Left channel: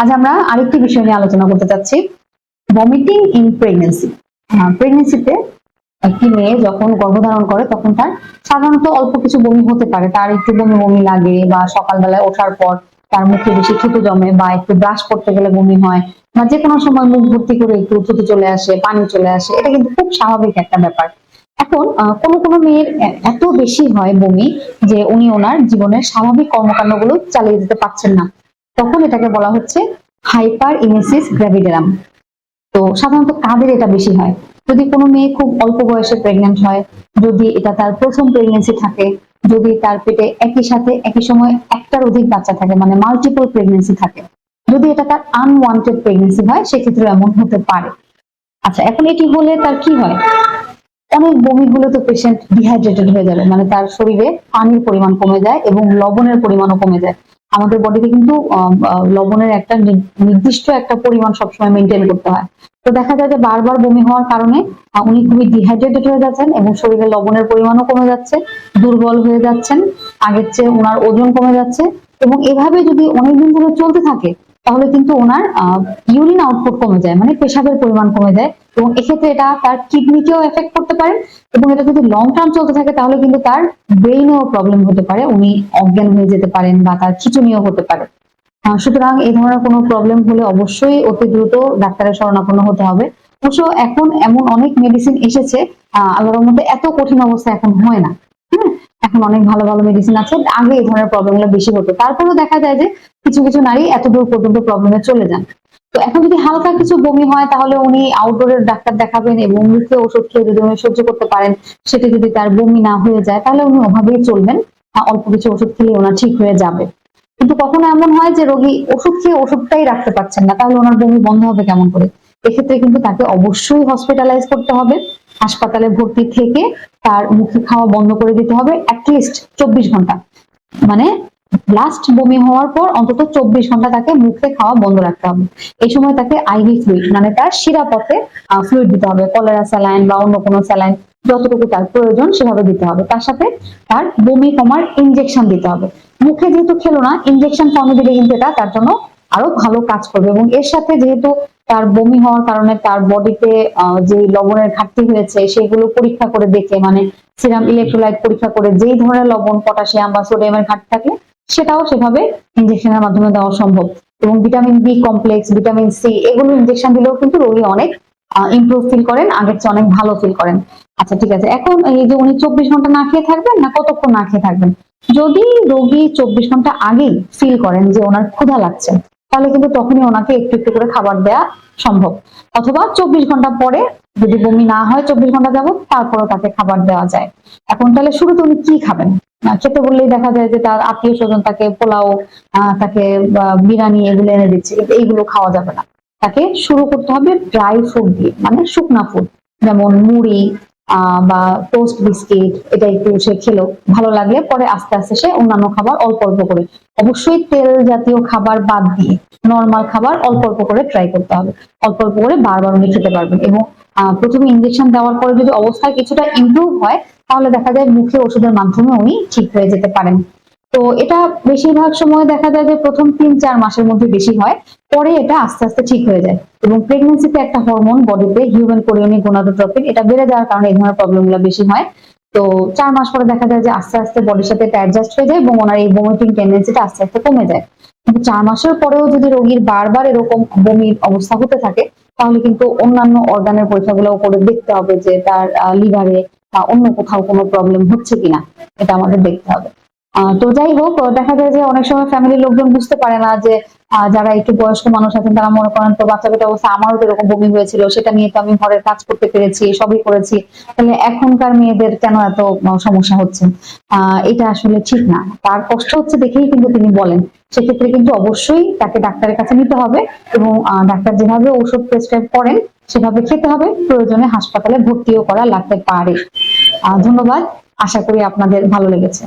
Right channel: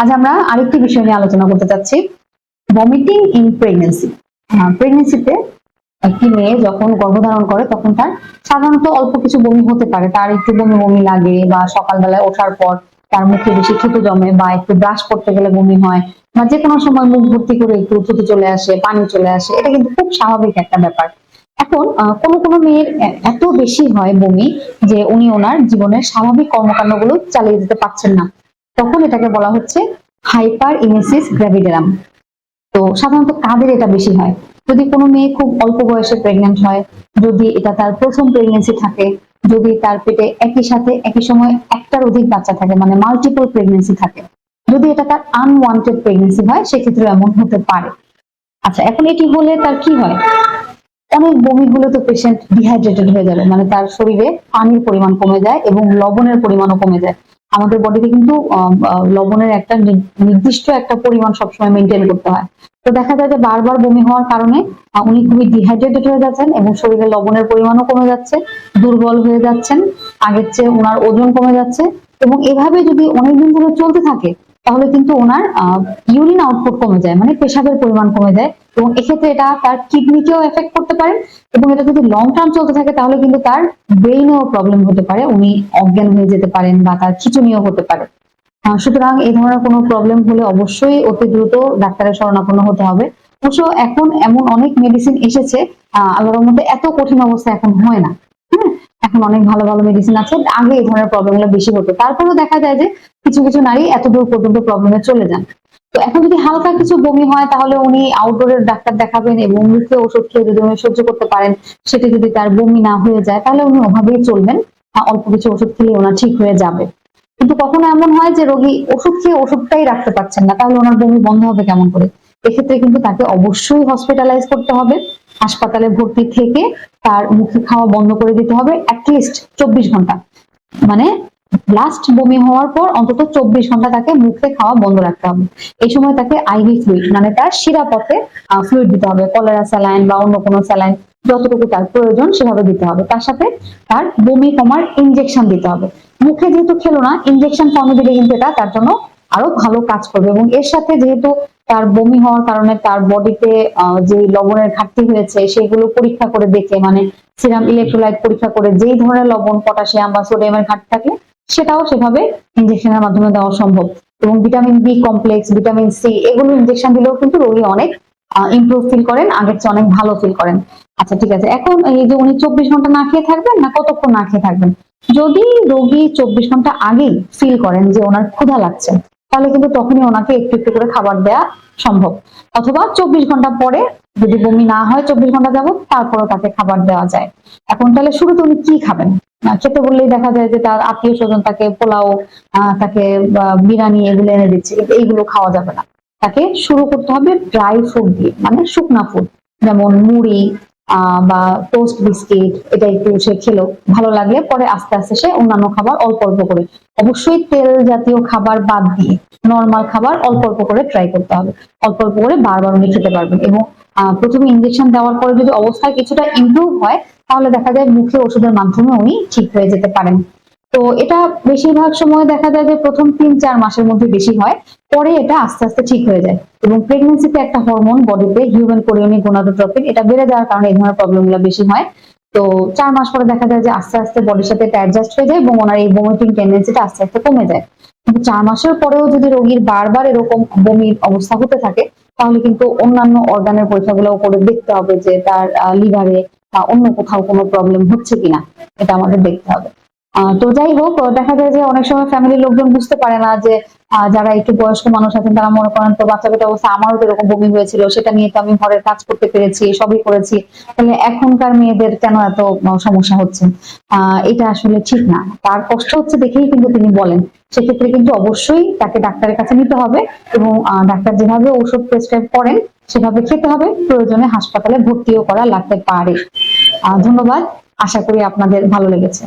আজ আমরা আরেকটি বিষয় নিয়ে আলোচনা করতে চাচ্ছি ভমিটিং ইন প্রেগনেন্সি প্রেগনেন্সিতে একটি মেয়ে যখন গর্ভধারণ করে, তখন তার সাধারণত অল্প কিছু বমি হতে পারে। তার একটু বমি বমি লাগে বা সকালবেলায় ওঠার পর তার মুখে বেশি থুতু জমে বা একটু ব্রাশ করতে গেলে বমি হয় বা যে কোনো সময় মুখ ভর্তি করে একটু থুতু চলে আসে, পানি চলে আসে, এটা কিন্তু খুব স্বাভাবিক একটা ব্যাপার। এখন কোনো কোনো মেয়ের এত বেশি হয় বমি যে উনি ওনার জীবনের স্বাভাবিক কর্মকাণ্ডগুলো চালিয়ে যেতে পারছেন না। তখন এটাকে বলা হচ্ছে হাইপার ইমেসিস গ্র্যাভিডেরাম। তো সাধারণত কাদের এটা বেশি হয়? যদি কোনো মেয়ে খুব অল্প বয়সে প্রেগন্যান্ট হয় তার প্রথম থাকে, যদি তার পেটে একই সাথে একই সময় একটার অধিক বাচ্চা থাকে মানে মাল্টিপল প্রেগনেন্সি থাকে, যদি এটা তার আনওয়ান্টেড প্রেগনেন্সি হয়, সেক্ষেত্রে এমন হতে পারে। আচ্ছা এখন এটি হলে তার কি হয়? অনেক বমি তো পেশেন্ট ডিহাইড্রেটেড হয়ে যাবে মানে তার শরীরে পানির পরিমাণ কমে যায় এবং লবণের পরিমাণও কমে যায়। আমাদের বডিতে কিন্তু লবণের একটা নির্দিষ্ট একটা পরিমাণ সবসময় মেনটেন করতে হয়। তো দেখা যায় যে বারবার বমি হওয়ার কারণে উনি খুবই ডিহাইড্রেটেড হয়ে যাচ্ছেন এবং শরীরে লবণের পরিমাণও কমে যাচ্ছে, দুর্বল হয়ে যাচ্ছেন, আগের চেয়ে ওনার ওজন কমে যাচ্ছে এবং এভাবে যদি অনেকদিন ধরে চলতে থাকে, তাহলে কিন্তু ওনার ইউরিন আউটপুট কমে যায় মানে পেশাবের পরিমাণ কমে যায়। এবং এক্ষেত্রে এটা তার কিডনিকেও এফেক্ট করতে পারে এবং এটা যদি লং টার্ম চলতে থাকে, তাহলে কিন্তু তার ব্রেইনেও প্রবলেম হতে পারে। উনি অজ্ঞান হয়ে যেতে পারেন বা তার খিচুনিও হতে পারে। সুতরাং এই ধরনের কোনো প্রবলেম হলে অবশ্যই অতি দ্রুত ডাক্তারের শরণাপন্ন হতে হবে। অবশ্য এখন এমন অনেক মেডিসিন এসেছে আল্লাহর মধ্যে এত কঠিন অবস্থা এখন হয় না। এখন অনেক ভালো ভালো মেডিসিন আছে, আগে এই ধরনের প্রবলেমগুলো বেশি হতো। তারপরেও দেখা যায় যে কিছু কিছু নারী এতদূর পর্যন্ত প্রবলেমে চলে যায় তো এখন যদি হালকা কিছু বমি হয়, তাহলে উনি আউটডোরের ডাক্তার দেখাবেন এবং ওষুধ খেয়ে যদি উনি সহ্য করতে পারেন। সেটা যদি তার বমি না হয়ে যায়, তাহলে উনি ওভাবেই চলবেন। অল্প কিছু ওষুধ খেলে ওনার ঠিক হয়ে যাবে। কিন্তু কখনো এমন হয় যে রোগী ওষুধ খেয়ে ওষুধটাই রাখতে পারছেন না তাহলে ওনার বমি বন্ধ হবে কেমন করে? এক্ষেত্রে কিন্তু তাকে অবশ্যই হসপিটালাইজ করতে হবে, হাসপাতালে ভর্তি থেকে তার মুখে খাওয়া বন্ধ করে দিতে হবে অ্যাটলিস্ট চব্বিশ ঘণ্টা। মানে লাস্ট বমি হওয়ার পর অন্তত চব্বিশ ঘণ্টা তাকে মুখে খাওয়া বন্ধ রাখতে হবে। এই সময় তাকে আইভি ফ্লুইড মানে তার শিরাপথে ফ্লুইড দিতে হবে। কলেরা স্যালাইন বা অন্য কোনো স্যালাইন যতটুকু তার প্রয়োজন সেভাবে দিতে হবে। তার সাথে তার বমি কমার ইনজেকশন দিতে হবে। মুখে যেহেতু খেলো না ইনজেকশন ফর্মে দিলে কিন্তু এটা তার জন্য আরও ভালো কাজ করবে এবং এর সাথে যেহেতু তার বমি হওয়ার কারণে তার বডিতে যে লবণের ঘাটতি হয়েছে, সেগুলো পরীক্ষা করে দেখে মানে সিরাম ইলেকট্রোলাইট পরীক্ষা করে যেই ধরনের লবণ পটাশিয়াম বা সোডিয়ামের ঘাটতি থাকে সেটাও সেভাবে ইনজেকশনের মাধ্যমে দেওয়া সম্ভব। এবং vitamin B complex vitamin C এগুলো ইনজেকশন দিলেও কিন্তু রোগী অনেক ইমপ্রুভ ফিল করেন, আগের চেয়ে অনেক ভালো ফিল করেন। আচ্ছা ঠিক আছে। এখন এই যে উনি চব্বিশ ঘণ্টা না খেয়ে থাকবেন না কতক্ষণ না খেয়ে থাকবেন? যদি রোগী চব্বিশ ঘণ্টা আগেই ফিল করেন যে ওনার ক্ষুধা লাগছে, তাহলে কিন্তু তখনই ওনাকে একটু একটু করে খাবার দেওয়া সম্ভব। অথবা চব্বিশ ঘণ্টা পরে যদি বমি না হয় চব্বিশ ঘণ্টা যাবত তারপরে তাকে খাবার দেওয়া যায়। এখন তাহলে শুরুতে উনি কি খাবেন? খেতে বললেই দেখা যায় যে তার আত্মীয় স্বজন তাকে পোলাও তাকে বিরিয়ানি এগুলো এনে দিচ্ছে। কিন্তু এইগুলো খাওয়া যাবে না। তাকে শুরু করতে হবে ড্রাই ফুড দিয়ে মানে শুকনা ফুড যেমন মুড়ি বা টোস্ট বিস্কিট এটা একটু সে খেলো। ভালো লাগলে পরে আস্তে আস্তে সে অন্যান্য খাবার অল্প অল্প করে। অবশ্যই তেল জাতীয় খাবার বাদ দিয়ে নর্মাল খাবার অল্প অল্প করে ট্রাই করতে হবে। অল্প অল্প করে বারবার উনি খেতে পারবেন। এবং প্রথমে ইঞ্জেকশন দেওয়ার পরে যদি অবস্থা কিছুটা ইমপ্রুভ হয় তাহলে দেখা যায় মুখে ওষুধের মাধ্যমে উনি ঠিক হয়ে যেতে পারেন। চার মাসের মধ্যে বেশি হয় পরে এটা আস্তে আস্তে ঠিক হয়ে যায়। এবং প্রেগন্যান্সিতে একটা হরমোন বডিতে হিউম্যান এটা বেড়ে যাওয়ার কারণে এই ধরনের বেশি হয়। আস্তে আস্তে কমে যায় চার মাসের পরেও যদি রোগীর বারবার এরকম তাহলে কিন্তু অন্যান্য অর্গানের পরীক্ষাগুলো করে দেখতে হবে যে তার লিভারে বা অন্য কোথাও কোনো প্রবলেম হচ্ছে কিনা? পারে যে যারা একটু বয়স্ক মানুষ আছেন তারা মনে করেন তো বাচ্চা কাচ্চা অবস্থা আমারও বমি হয়েছিল সেটা নিয়ে তো আমি ঘরের কাজ করতে পেরেছি সবই করেছি। তাহলে এখনকার মেয়েদের কেন এত সমস্যা হচ্ছে? এটা আসলে ঠিক না। তার কষ্ট হচ্ছে দেখে তিনি বলেন। সেক্ষেত্রে কিন্তু অবশ্যই তাকে ডাক্তারের কাছে নিতে হবে এবং ডাক্তার যেভাবে ওষুধ প্রেসক্রাইব করেন, সেভাবে খেতে হবে। প্রয়োজনে হাসপাতালে ভর্তিও করা লাগতে পারে। ধন্যবাদ। আশা করি আপনাদের ভালো লেগেছে।